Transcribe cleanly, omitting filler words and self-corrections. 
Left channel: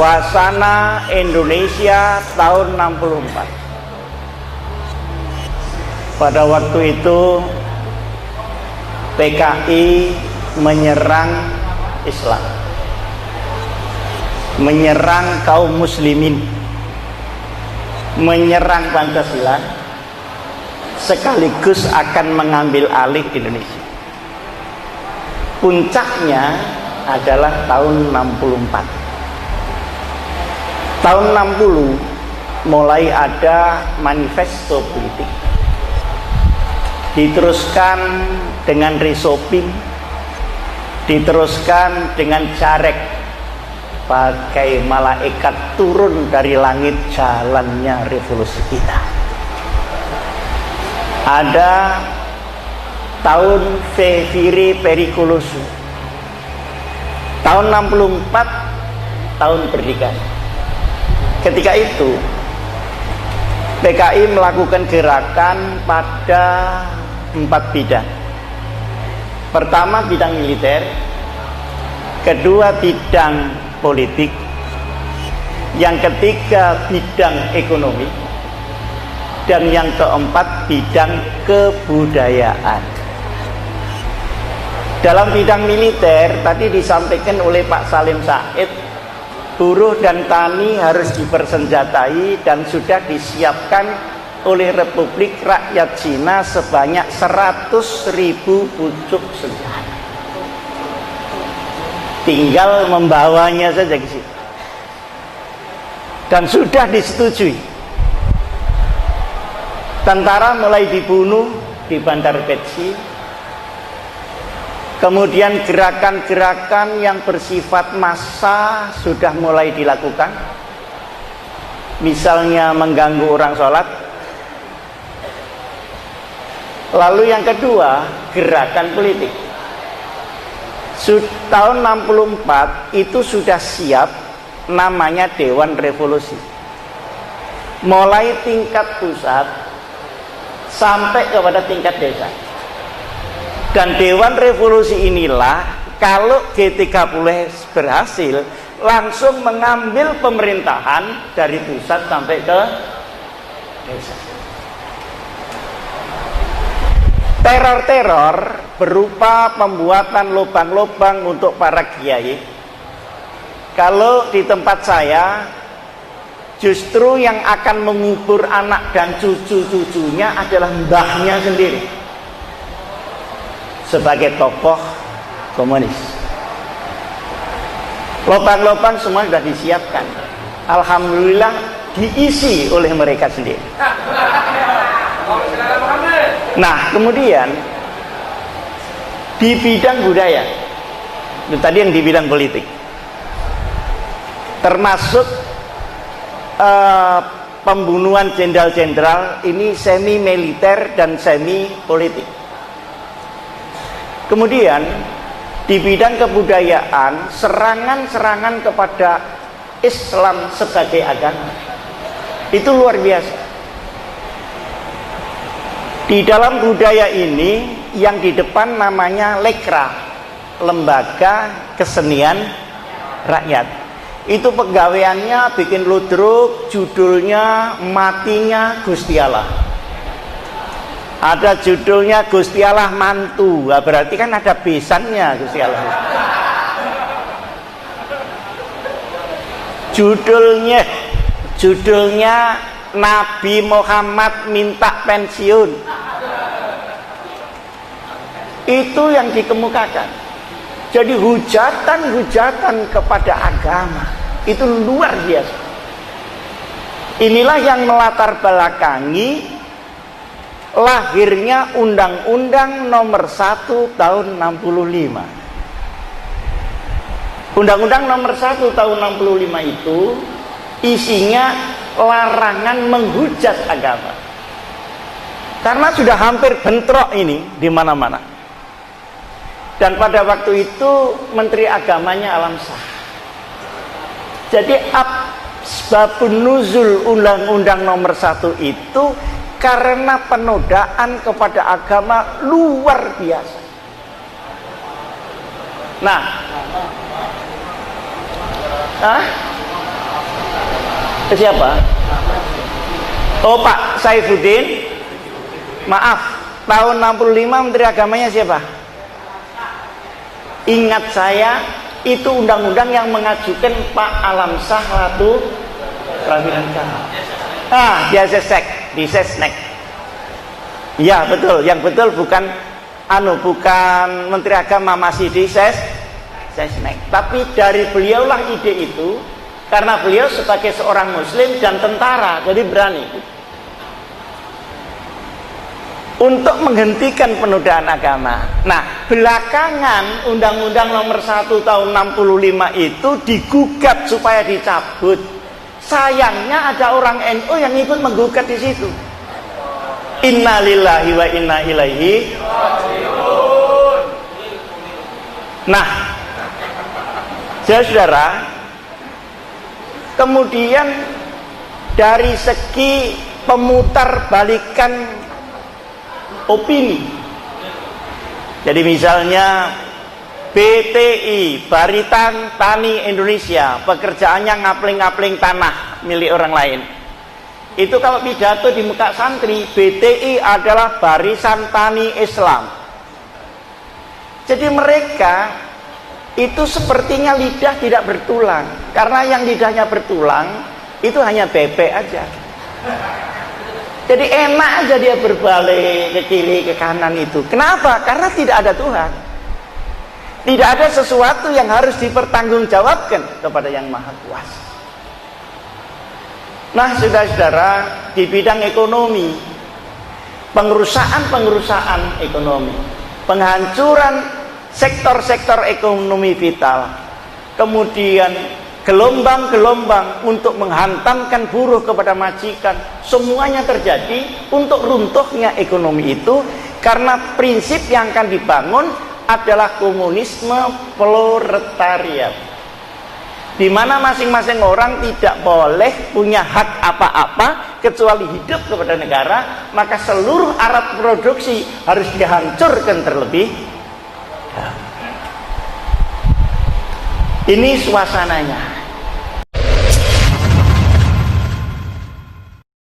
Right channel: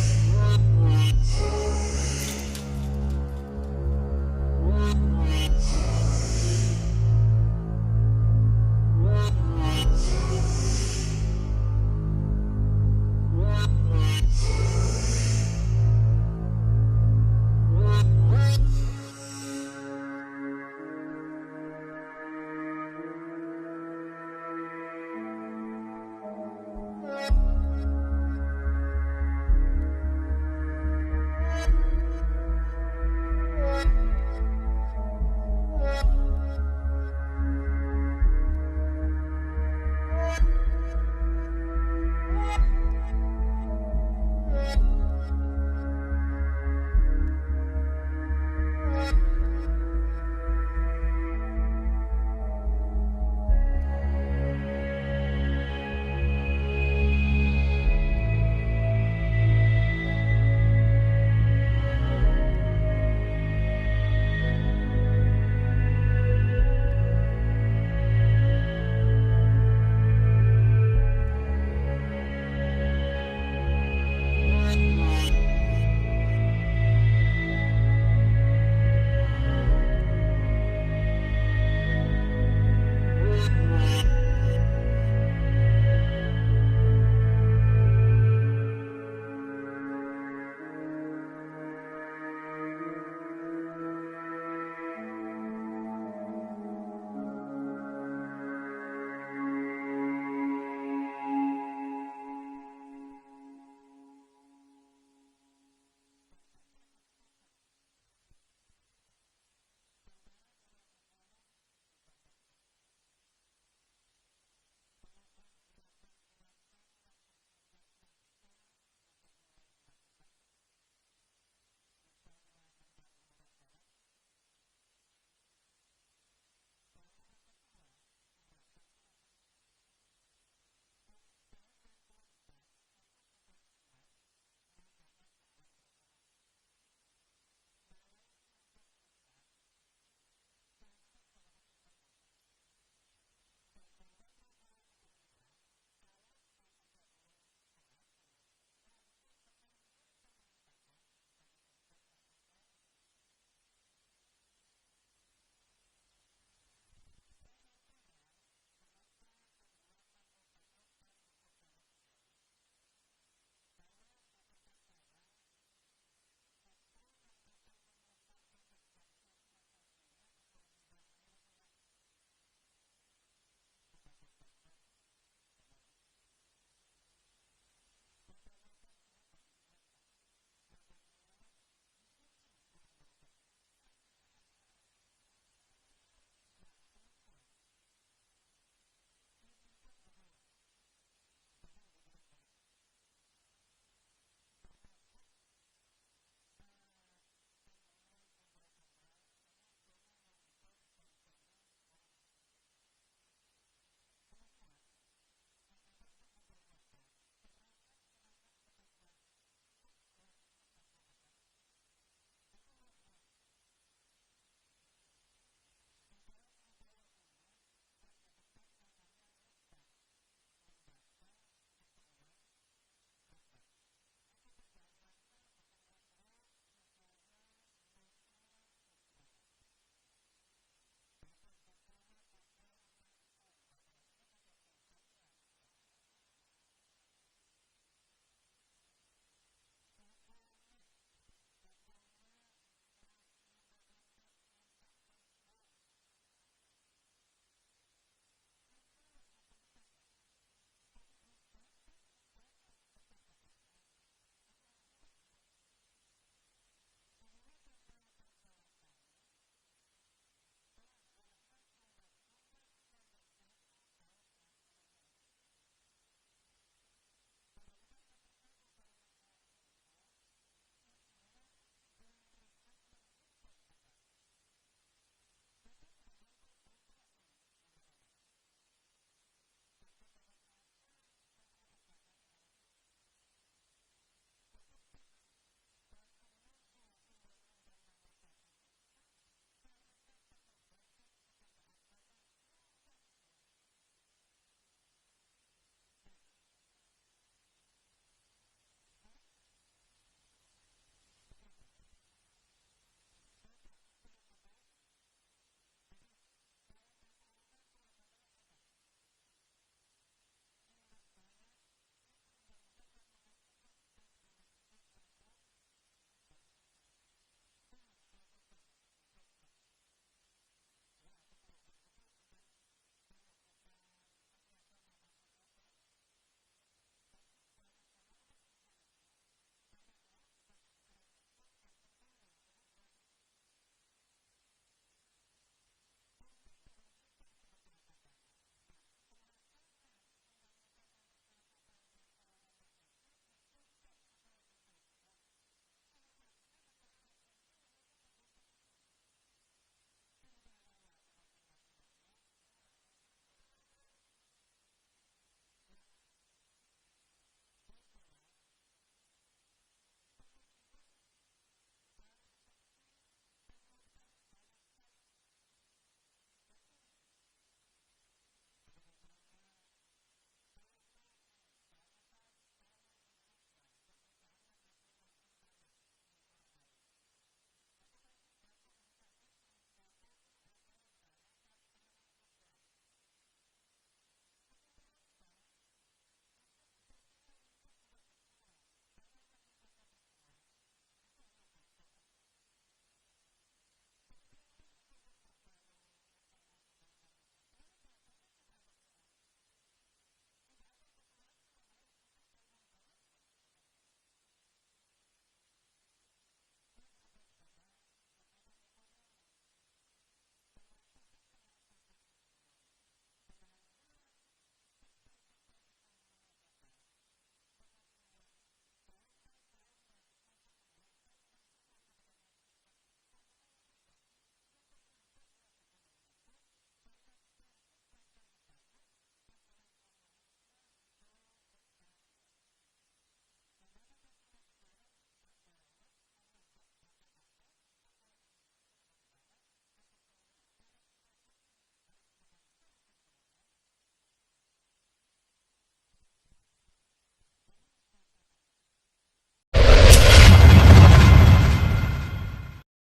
suasana Indonesia tahun 64. Pada waktu itu PKI menyerang Islam, menyerang kaum muslimin, menyerang Pancasila, sekaligus akan mengambil alih Indonesia. Puncaknya adalah tahun 64. Tahun 60 mulai ada manifesto politik, diteruskan dengan resopim, diteruskan dengan carek, pakai malaikat turun dari langit jalannya revolusi kita. Ada tahun Veviri Pericoloso, tahun 64, tahun berdikari. Ketika itu PKI melakukan gerakan pada 4 bidang. Pertama bidang militer, kedua bidang politik, yang ketiga bidang ekonomi, dan yang keempat bidang kebudayaan. Dalam bidang militer tadi disampaikan oleh Pak Salim Said, buruh dan tani harus dipersenjatai dan sudah disiapkan oleh Republik Rakyat Cina sebanyak 100.000 pucuk senjata. Tinggal membawanya saja ke situ. Dan sudah disetujui. Tentara mulai dibunuh di Bandar Betsi. Kemudian gerakan-gerakan yang bersifat massa sudah mulai dilakukan. Misalnya mengganggu orang sholat. Lalu yang kedua, gerakan politik. Tahun 64 itu sudah siap, namanya Dewan Revolusi. Mulai tingkat pusat sampai kepada tingkat desa. Dan Dewan Revolusi inilah kalau G30 berhasil langsung mengambil pemerintahan dari pusat sampai ke desa. Teror-teror berupa pembuatan lubang-lubang untuk para kiai. Kalau di tempat saya, justru yang akan mengubur anak dan cucu-cucunya adalah mbahnya sendiri sebagai tokoh komunis. Lubang-lubang semua sudah disiapkan. Alhamdulillah diisi oleh mereka sendiri. Nah, kemudian di bidang budaya, itu tadi yang di bidang politik, termasuk pembunuhan jenderal-jenderal, ini semi militer dan semi politik. Kemudian di bidang kebudayaan, serangan-serangan kepada Islam sebagai agama itu luar biasa. Di dalam budaya ini yang di depan namanya Lekra, Lembaga Kesenian Rakyat. Itu pegawaiannya bikin ludruk, judulnya Matinya Gusti Allah. Ada judulnya Gusti Allah Mantu. Nah, berarti kan ada besannya Gusti Allah. Judulnya Nabi Muhammad minta pensiun. Itu yang dikemukakan. Jadi hujatan-hujatan kepada agama itu luar biasa. Inilah yang melatar belakangi lahirnya Undang-Undang Nomor 1 Tahun 65. Undang-Undang Nomor 1 Tahun 65 itu isinya larangan menghujat agama. Karena sudah hampir bentrok ini di mana-mana. Dan pada waktu itu Menteri Agamanya Alam Shah. Jadi asbabun nuzul Undang-Undang Nomor 1 itu karena penodaan kepada agama luar biasa. Nah, Ke siapa? Oh, Pak Saifuddin. Maaf, tahun 65 Menteri Agamanya siapa? Ingat saya, itu undang-undang yang mengajukan Pak Alamsyah Ratu Prawilanka. Dia Sesnek, di Sesnek. Ya betul, yang betul bukan bukan Menteri Agama, masih di Sesnek. Tapi dari beliaulah ide itu, karena beliau sebagai seorang Muslim dan tentara, jadi berani untuk menghentikan penodaan agama. Nah, belakangan Undang-Undang Nomor 1 Tahun 65 itu digugat supaya dicabut. Sayangnya ada orang NU yang ikut menggugat di situ. Innalillahi wa inna ilaihi raji'un. Nah, saudara, kemudian dari segi pemutarbalikan opini, jadi misalnya BTI, Barisan Tani Indonesia, pekerjaannya ngapling-ngapling tanah milik orang lain. Itu kalau pidato di muka santri, BTI adalah Barisan Tani Islam. Jadi mereka itu sepertinya lidah tidak bertulang, karena yang lidahnya bertulang itu hanya bebek aja. Jadi enak aja dia berbalik ke kiri ke kanan itu. Kenapa? Karena tidak ada Tuhan. Tidak ada sesuatu yang harus dipertanggungjawabkan kepada Yang Maha Kuasa. Nah, saudara-saudara, di bidang ekonomi, pengerusakan ekonomi, penghancuran sektor-sektor ekonomi vital, kemudian gelombang-gelombang untuk menghantamkan buruh kepada majikan, semuanya terjadi untuk runtuhnya ekonomi itu, karena prinsip yang akan dibangun adalah komunisme proletariat, di mana masing-masing orang tidak boleh punya hak apa-apa kecuali hidup kepada negara, maka seluruh alat produksi harus dihancurkan terlebih dahulu. Ini suasananya.